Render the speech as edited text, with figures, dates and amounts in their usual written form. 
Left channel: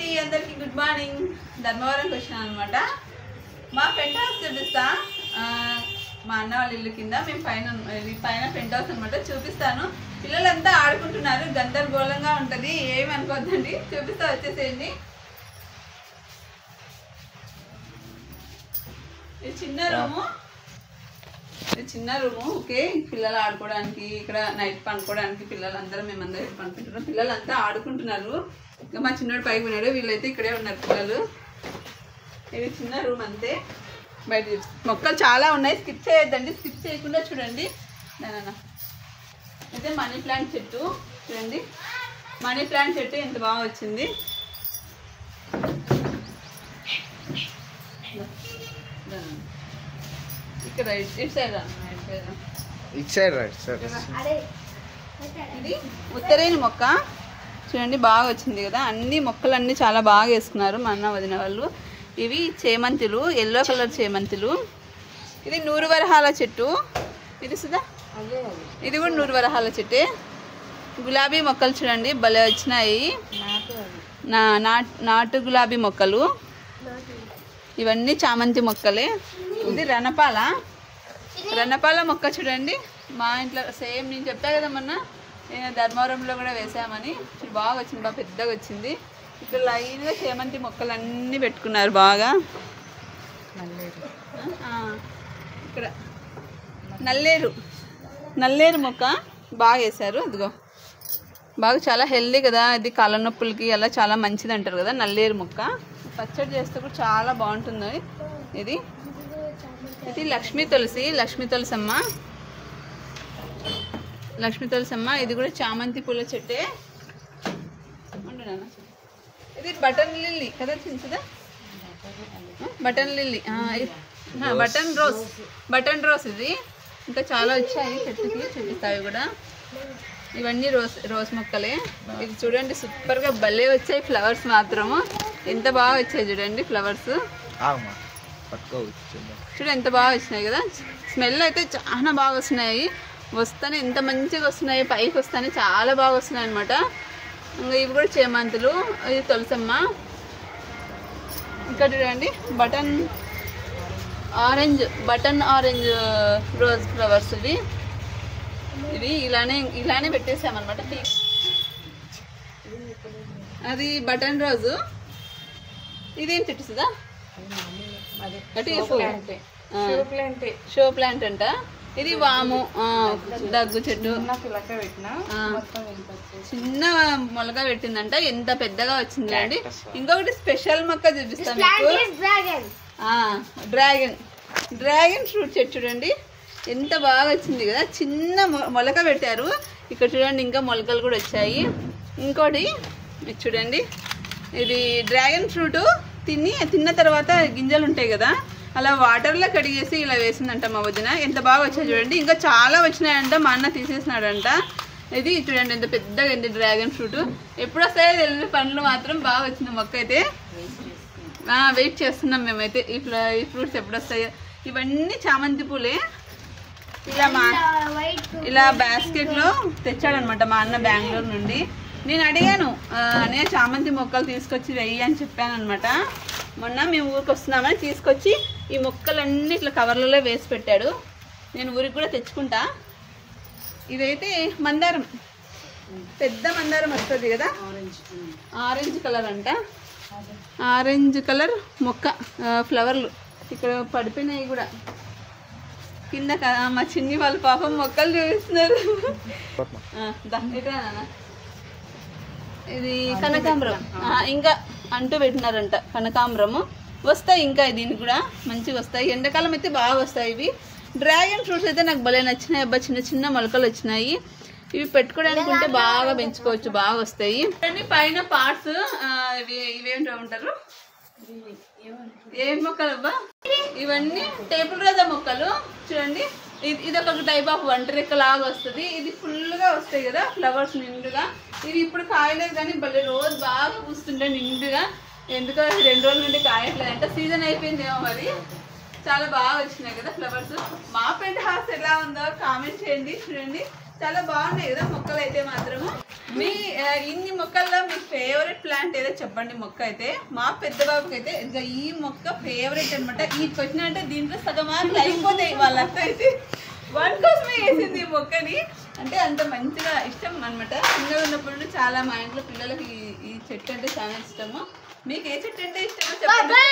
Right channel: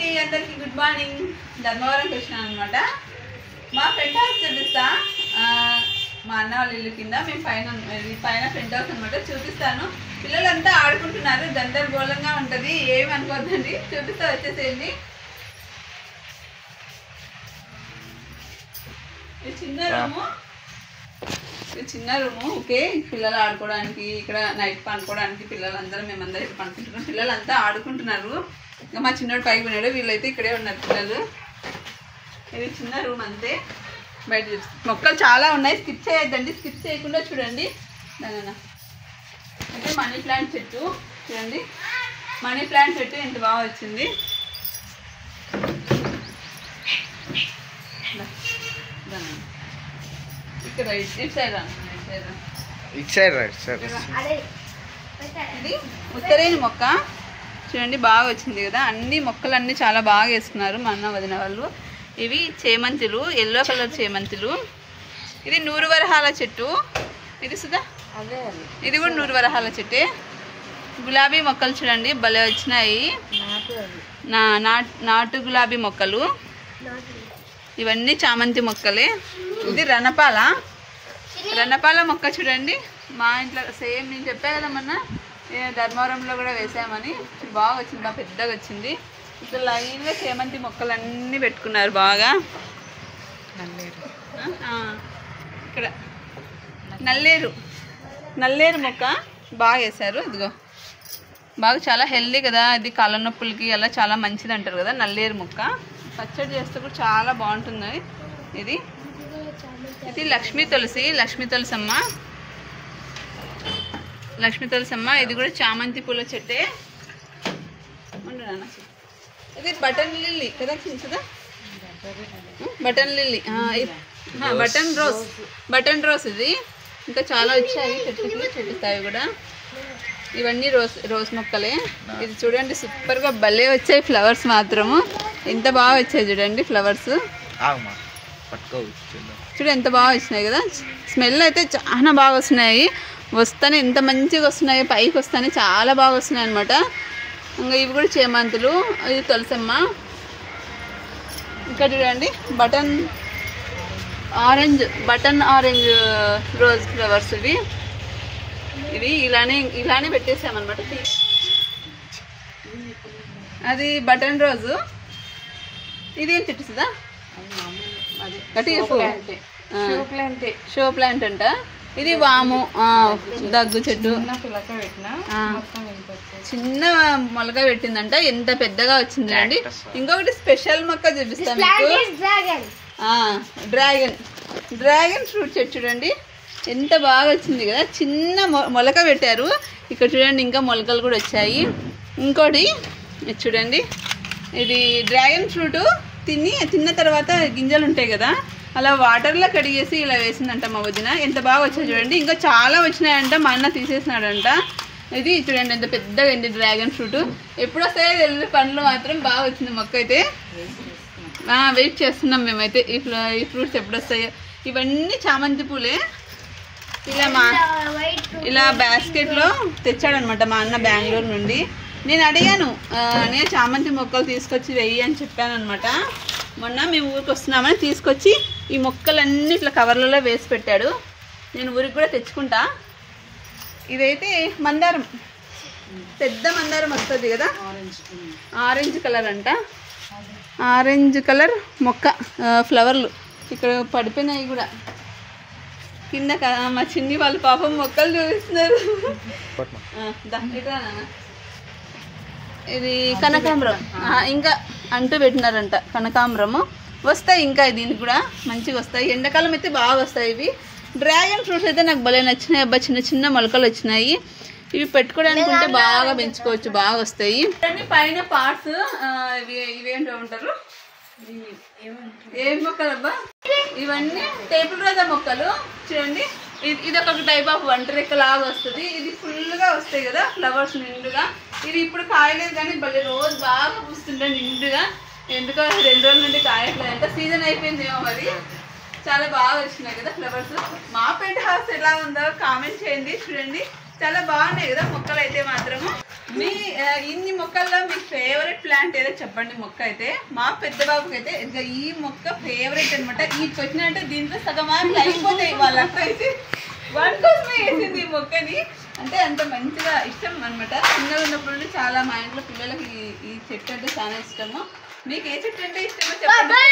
అండి అందరికి good morning. ధర్మవరంకి వచ్చినాను అనమాట. మా పెంట్ హౌస్ చూపిస్తా. మా అన్న వాళ్ళ ఇల్లు కింద మేము పైన పెంట్ హౌస్ అనమాట. చూపిస్తాను. పిల్లలంతా ఆడుకుంటున్నారు, గందరగోళంగా ఉంటుంది, ఏమి అనుకోద్దండి. చూపిస్తా, వచ్చేసేయండి. ఇది చిన్న రూము. ఓకే, పిల్లలు ఆడుకోవడానికి, ఇక్కడ నైట్ పనుకోవడానికి పిల్లలందరూ మేమందరం ఇక్కడ పనుకుంటున్నాం. పిల్లలంతా ఆడుకుంటున్నారు. ఇంకా మా చిన్నోడు పైకి ఉన్నాడు, వీళ్ళైతే ఇక్కడే ఉన్నారు పిల్లలు. ఇది చిన్న రూమ్ అంతే. బయట మొక్కలు చాలా ఉన్నాయి, స్కిప్ చేయొద్దండి. స్కిప్ చేయకుండా చూడండి. దాని అయితే మనీ ప్లాంట్ చెట్టు చూడండి. మనీ ప్లాంట్ చెట్టు ఎంత బాగా వచ్చింది. ఇక్కడ ఇటు సైడ్ ఇది ఉత్తరేణి మొక్క చూడండి, బాగా వచ్చింది కదా. అన్ని మొక్కలన్నీ చాలా బాగా వేసుకున్నారు మా అన్న వదిన వాళ్ళు. ఇవి చేమంతులు, ఎల్లో కలర్ చేమంతులు. ఇది నూరు వరహాల చెట్టు. ఇది సుధా, ఇది కూడా నూరు వరహాల చెట్టే. గులాబీ మొక్కలు చూడండి, భలే వచ్చినాయి. నాటు గులాబీ మొక్కలు. ఇవన్నీ చామంతి మొక్కలే. ఇది రణపాల మొక్క చూడండి. మా ఇంట్లో సేమ్ నేను చెప్పా కదా మొన్న, ధర్మవరంలో కూడా వేసామని. బాగా వచ్చింది, బాగా పెద్దగా వచ్చింది. ఇక్కడ లైన్గా చేమంతి మొక్కలు అన్నీ పెట్టుకున్నారు బాగా. ఇక్కడ నల్లేరు మొక్క బాగా వేశారు. ఇదిగో బాగా చాలా హెల్దీ కదా, ఇది కాళ్ళ నొప్పులకి అలా చాలా మంచిది అంటారు కదా నల్లేరు మొక్క. పచ్చడి చేస్తే కూడా చాలా బాగుంటుంది. ఇది లక్ష్మీ తులసమ్మ. ఇది కూడా చామంతి పూల చెట్టే. ఇది బటన్ లిల్లీ కదా, చిన్నదా బటన్ లిల్లీ, బటన్ రోజ్. ఇది ఇంకా చాలా వచ్చాయి చెట్టుకి, చూపిస్తాయి కూడా. ఇవన్నీ రోజ్ మొక్కలే. ఇది చూడండి, సూపర్గా భలే వచ్చాయి ఫ్లవర్స్ మాత్రము. ఎంత బాగా వచ్చాయి చూడండి ఫ్లవర్స్. చూడు ఎంత బాగా వచ్చినాయి కదా. స్మెల్ అయితే చాలా బాగా వస్తున్నాయి. వస్తానే ఎంత మంచిగా వస్తున్నాయి, పైకి వస్తానే చాలా బాగా వస్తున్నాయి అనమాట. ఇంకా ఇవి కూడా చేమంతులు. ఇది తులసమ్మ. ఇక్కడ చూడండి బటన్ ఆరెంజ్ రోజ్ ఫ్లవర్స్. ఇవి ఇలానే పెట్టేసామన్నమాట. అది బటన్ రోజు. ఇదేం చెట్టు సుదా, షో ప్లాంట్ అంట. ఇది వాము, దగ్గు చెట్టు. చిన్న మొలక పెట్టిందంట, ఎంత పెద్దగా వచ్చింది అండి. ఇంకొకటి స్పెషల్ మొక్క చూపిస్తాను మీకు. డ్రాగన్ ఫ్రూట్ చెట్టు చూడండి, ఎంత బాగా వచ్చింది కదా. చిన్న మొలక పెట్టారు. ఇక్కడ చూడండి, ఇంకా మొలకలు కూడా వచ్చాయి. ఇంకోటి చూడండి, ఇది డ్రాగన్ ఫ్రూట్ తిన్న తర్వాత గింజలు ఉంటాయి కదా, అలా వాటర్లో కడిగేసి ఇలా వేసిందంట మా వదిన. ఎంత బాగా వచ్చాయి చూడండి. ఇంకా చాలా వచ్చినాయంట, మా అన్న తీసేసినాడంట. ఇది చూడండి ఎంత పెద్దగా అయింది డ్రాగన్ ఫ్రూట్. ఎప్పుడు వస్తాయో తెలియదు, పండ్లు మాత్రం బాగా వచ్చింది మొక్క అయితే. వెయిట్ చేస్తున్నాం మేమైతే ఈ ఫ్రూట్స్ ఎప్పుడు వస్తాయో. ఇవన్నీ చామంతి పూలే. ఇలా బాస్కెట్లో తెచ్చాడనమాట మా అన్న బెంగళూరు నుండి. నేను అడిగాను, నేను చామంతి మొక్కలు తీసుకొచ్చి వెయ్యి అని చెప్పాను అనమాట. మొన్న మేము ఊరికి వస్తున్నామని తీసుకొచ్చి ఈ మొక్కలన్నీ ఇట్లా కవర్లలో వేసి పెట్టాడు. నేను ఊరికి కూడా తెచ్చుకుంటా. ఇదైతే మందారం, పెద్ద మందారం వస్తుంది కదా, ఆరెంజ్ కలర్ అంట. ఆరెంజ్ కలర్ మొక్క, ఫ్లవర్లు ఇక్కడ పడిపోయినాయి కూడా కింద. మా చిన్ని వాళ్ళు పాపం మొక్కలు చూపిస్తున్నారు. ఇది కనకాంబరం, ఇంకా అంటూ పెట్టినారంట. కనకాంబరము వస్తాయి ఇంకా, దీనికి కూడా మంచిగా వస్తాయి. ఎండాకాలం అయితే బాగా వస్తాయి ఇవి. డ్రాగన్ ఫ్రూట్స్ అయితే నాకు భలే నచ్చినాయి అబ్బా. చిన్న చిన్న మొలకలు వచ్చినాయి. ఇవి పెట్టుకోవడానికి ఉంటే బాగా పెంచుకోవచ్చు, బాగా వస్తాయి. పైన పార్ట్స్ ఇవేంటో ఉంటారు, ఏం మొక్కలు అబ్బా ఇవన్నీ? టేబుల్ రోజా మొక్కలు చూడండి. ఇది ఒక టైప్ ఆఫ్ వంటరెక్క లాగా వస్తుంది. ఇది ఫుల్గా వస్తాయి కదా ఫ్లవర్స్ నిండుగా. ఇది ఇప్పుడు కాయలేదు కానీ భలే రోజు బాగా పూస్తుంటే నిండుగా. ఎందుకో 2 రోజుల నుండి కాయట్లేదంట, సీజన్ అయిపోయిందేమో మరి. చాలా బాగా వచ్చినాయి కదా ఫ్లవర్స్. మా పెంట్ హౌస్ ఎలా ఉందో కామెంట్ చేయండి. చూడండి చాలా బాగున్నాయి కదా మొక్కలు అయితే మాత్రము. మీ ఇన్ని మొక్కల్లో మీ ఫేవరెట్ ప్లాంట్ ఏదో చెప్పండి. మొక్క అయితే మా పెద్ద బాబుకి అయితే ఇంకా ఈ మొక్క ఫేవరెట్ అనమాట. ఈ క్వశ్చన్ అంటే దీంట్లో సగం మార్కులు అయిపోతాయి. వాళ్ళంతా అయితే వాటి కోసమే వేసింది ఈ మొక్కని. అంటే అంత మంచిగా ఇష్టం అనమాట. చిన్నగా ఉన్నప్పుడు నుండి చాలా మా ఇంట్లో పిల్లలకి ఈ చెట్టు అంటే చాలా ఇష్టము. మీకు ఏ చెట్టు అంటే ఇష్టమో చెప్పండి.